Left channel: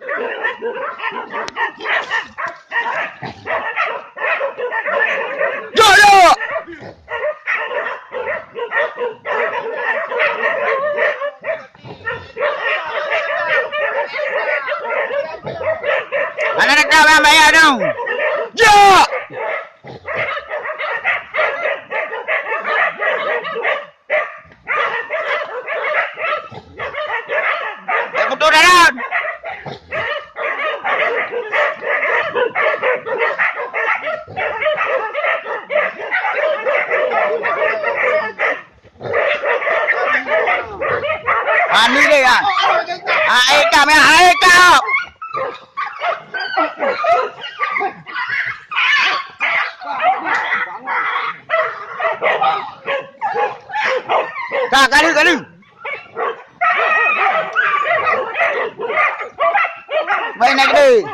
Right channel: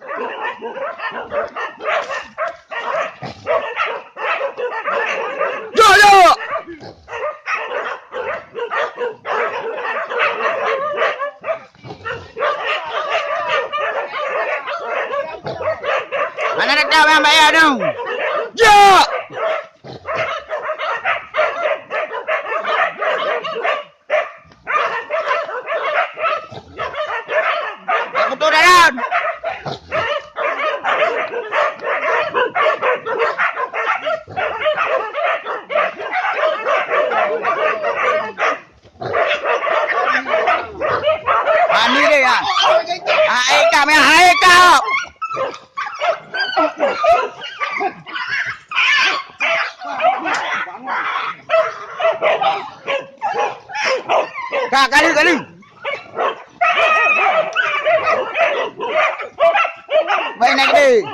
Yo. Mana nak tahu yang bayar dong? Yo. Aku tu dah. Ani dia ya. Eka me Eka. Kali. Baik naik deh.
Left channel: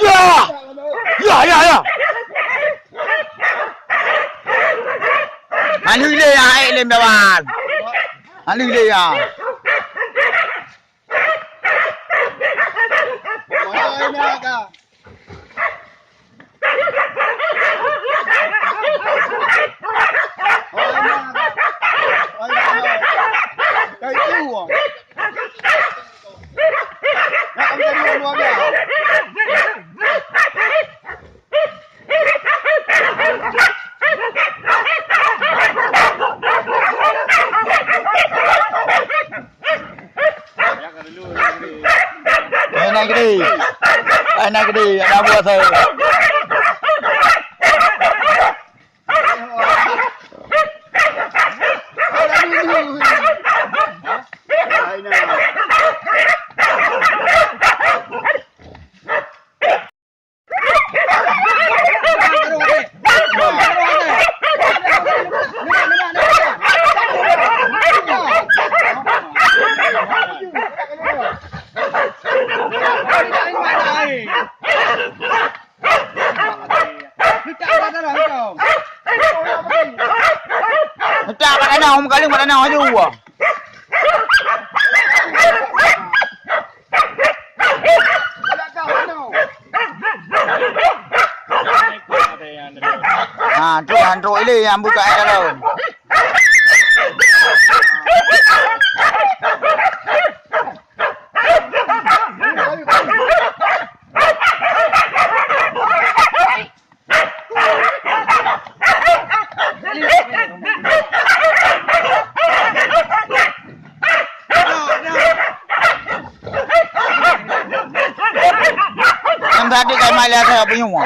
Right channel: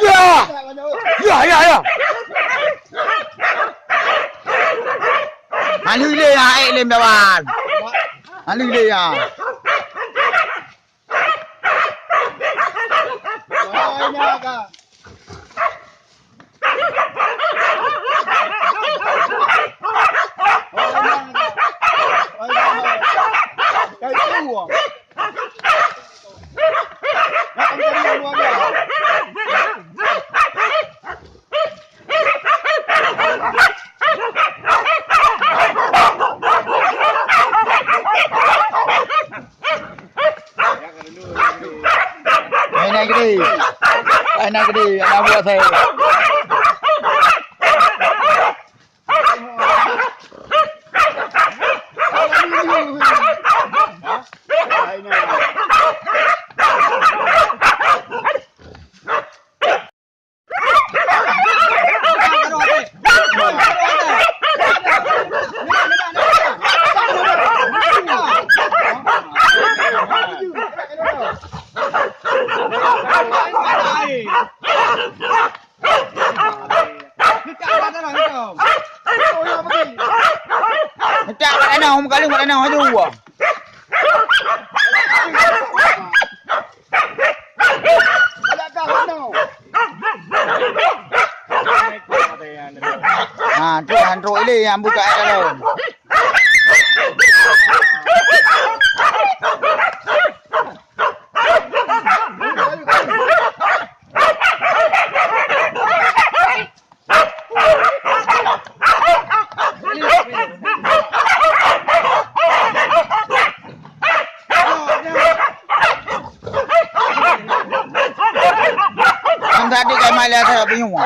Ya. Anh Huy Lê à, anh lên mèo bàn. Anh Huy Lê à. Cây yêu à? Nó không cho đi luôn kìa. Naik ke di, nak buat saya. Tak pada nak hom kali pada nak aja gua. Antro ini yang buka kalau. Tadi kayak malah saya bingung.